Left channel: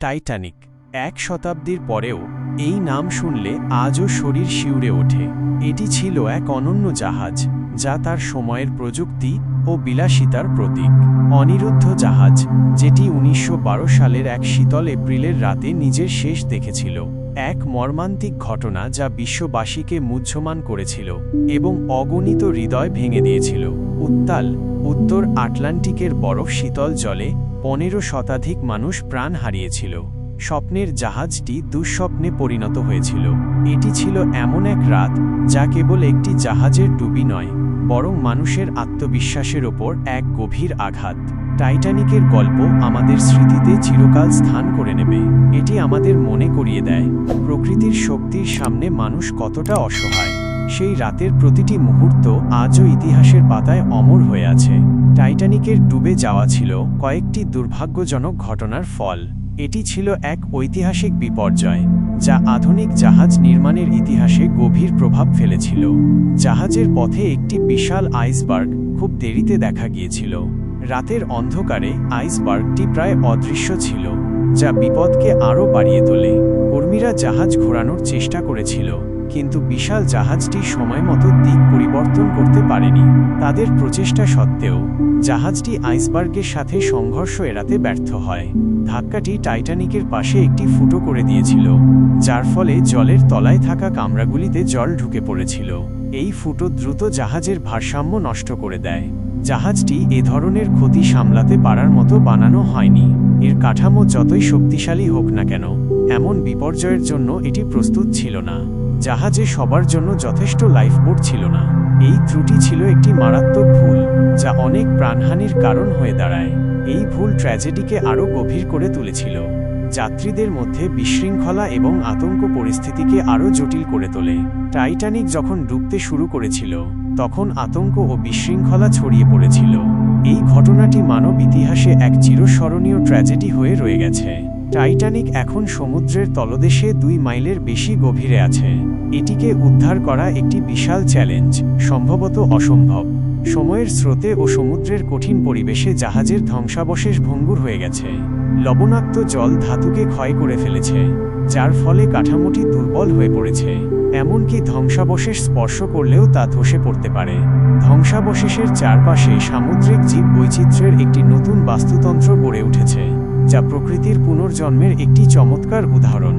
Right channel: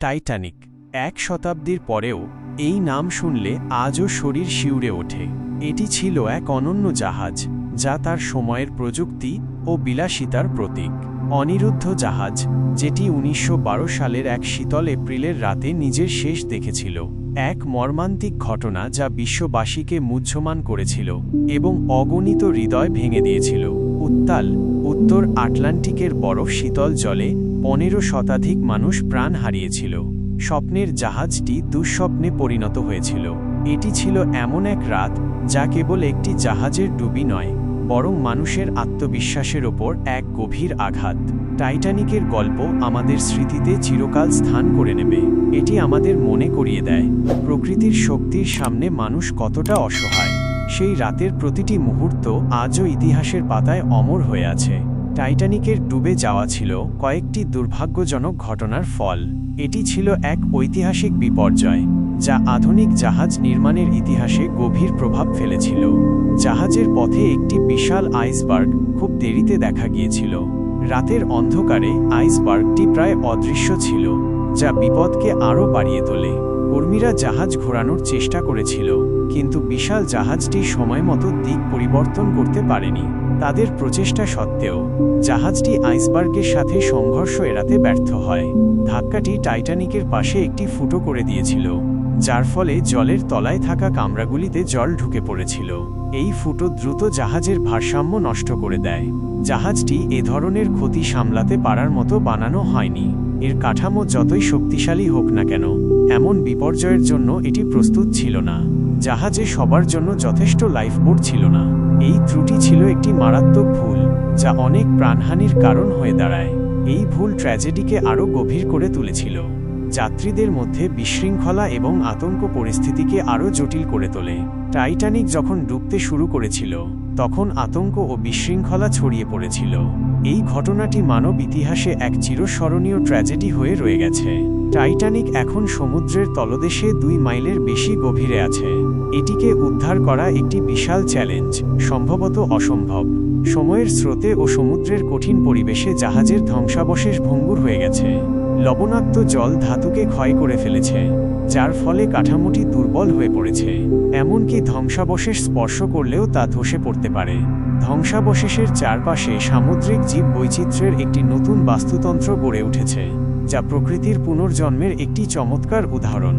Titanic ১ শতাব্দীর পরেও এই নাম শুনলে আজও শরীর শিউরে ওঠে। এটি ছিল এক অনন্য জাহাজ, যা তার সময়ের প্রযুক্তি ও বিলাসিতার প্রতীক। অনিরুদ্ধ জাহাজ, যেটি ১৯১২ সালের এক শীতল এপ্রিলের রাতে নিজের শেষ দেখেছিল। এক মর্মান্তিক ঘটনা যা বিশ্ববাসীকে মুহ্যমান করেছিল এবং অগণিত হৃদয় ভেঙে দিয়েছিল। উত্তাল উত্তর আটলান্টিকের বরফ শীতল জলে ১৫ শতাধিক মানুষ প্রাণ হারিয়েছিল। স্বপ্নের জাহাজটি দুঃস্বপ্নে পরিণত হয়েছিল। এটি ছিল এমন এক রাত যা কেবল একটি জাহাজের ডুবি নয়, বরং মানুষের আত্মবিশ্বাসের ওপর এক গভীর আঘাত। টাইটানিকের গল্প আমাদের স্মৃতিতে চিরকাল স্থান করে নেবে। এটি আমাদের মনে করিয়ে দেয় প্রকৃতির শক্তির সামনে মানুষ কতটা অসহায়। সেই রাতের প্রতিটি মুহূর্ত আজও ইতিহাসের পাতায় অমর হয়ে আছে। টাইটানিকের ডুবে যাওয়া ছিল কয়েকটি দুর্ভাগ্যজনক ঘটনার ফল। এটি ছিল এক ঐতিহাসিক বিপর্যয়, যা আধুনিক জাহাজ নির্মাণের ইতিহাসে গভীর প্রভাব ফেলেছিল। জাহাজের পথে একটি বিশাল আইসবার্গ খুব দেরিতে দেখা গিয়েছিল। রাতের অন্ধকারে আইসবার্গটি প্রায় অদৃশ্য ছিল, যা বিপদকে আরও বাড়িয়ে তোলে। কর্মীরা জাহাজ ঘোরানোর চেষ্টা করেছিল, কিন্তু বিশাল জাহাজটি সময়মতো দিক পরিবর্তন করতে পারেনি। তাদের প্রচেষ্টা সত্ত্বেও জাহাজটি আইসবার্গের সাথে সংঘর্ষ এড়াতে ব্যর্থ হয়। ধাক্কাটি টাইটানিকের পাশে একটি ফুটো করে দিয়েছিল, যার ফলে জলের তলায় থাকা কামরাগুলিতে জল ঢুকে পড়েছিল। এই ফুটো দ্রুত জাহাজের ভারসাম্য নষ্ট করে দেয়। জাহাজটি এ ধরনের ক্ষতি সামলাতে পারার মতো বানানো হয়নি। এর কাঠামো যতই শক্তিশালী হোক না কেন, এমন বিপর্যয়ের জন্য এটি প্রস্তুত ছিল না। জাহাজে সবার জন্য যথেষ্ট লাইফবোট ছিল না। এই ত্রুটি ছিল একটি মারাত্মক ভুল, যা অনেক প্রাণহানির কারণ হয়ে দাঁড়ায়। এই ভুল ট্র্যাজেডিকে আরও গভীর করে তুলেছিল। যাত্রীদের মধ্যে বিশৃঙ্খলা এবং আতঙ্ক পরিস্থিতিকে আরও জটিল করে তোলে। টাইটানিক যখন ডুবতে শুরু করেছিল, তখন আতঙ্ক ও বিশৃঙ্খলা ছড়িয়ে পড়েছিল। এই ঘটনাটি মানব ইতিহাসে এক চিরস্মরণীয় ট্র্যাজেডি হয়ে রয়ে গেছে। টাইটানিক এখন সমুদ্রের তলদেশে ২ মাইলের বেশি গভীরে আছে। এটিকে উদ্ধার করা একটি বিশাল চ্যালেঞ্জ, সম্ভবত অসম্ভব। সময়ের স্রোতে ও সমুদ্রের কঠিন পরিবেশে জাহাজের ধ্বংসাবশেষ ভঙ্গুর হয়ে গেছে। লবণাক্ত জল ধাতুকে ক্ষয় করে ফেলেছে, যার ফলে কাঠামোটি দুর্বল হয়ে পড়েছে। এমনকি ধ্বংসাবশেষ স্পর্শ করলেও তা ধসে পড়তে পারে। ধ্বংসাবশেষের চারপাশে সামুদ্রিক জীব বৈচিত্র্যের একটি নতুন বাস্তুতন্ত্র গড়ে উঠেছে, যা প্রকৃতির পুনর্জন্মের একটি চমৎকার উদাহরণ।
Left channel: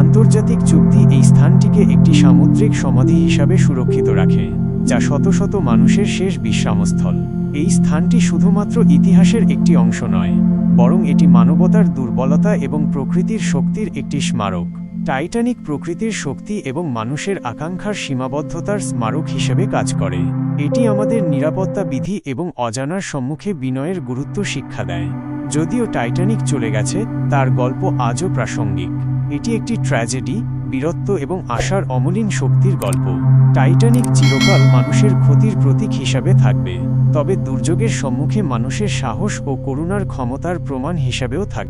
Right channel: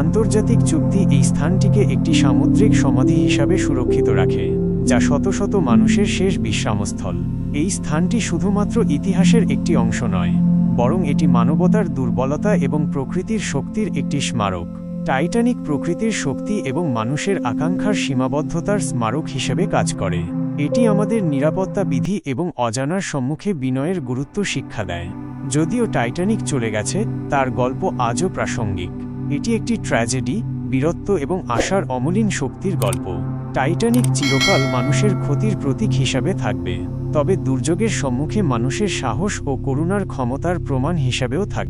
আন্তর্জাতিক চুক্তি এই স্থানটিকে একটি সামুদ্রিক সমাধি হিসাবে সুরক্ষিত রাখে, যা শত শত মানুষের শেষ বিশ্রামস্থল। এই স্থানটি শুধুমাত্র ইতিহাসের একটি অংশ নয়, বরং এটি মানবতার দুর্বলতা এবং প্রকৃতির শক্তির একটি স্মারক। টাইটানিক প্রকৃতির শক্তি এবং মানুষের আকাঙ্ক্ষার সীমাবদ্ধতার স্মারক হিসেবে কাজ করে। এটি আমাদের নিরাপত্তা বিধি এবং অজানার সম্মুখে বিনয়ের গুরুত্ব শিক্ষা দেয়। যদিও টাইটানিক চলে গেছে, তার গল্প আজও প্রাসঙ্গিক। এটি একটি ট্র্যাজেডি, বীরত্ব এবং আশার অমলিন শক্তির গল্প। টাইটানিক চিরকাল মানুষের ক্ষতির প্রতীক হিসাবে থাকবে, তবে দুর্যোগের সম্মুখে মানুষের সাহস ও করুণার ক্ষমতার প্রমাণ হিসাবেও থাকবে।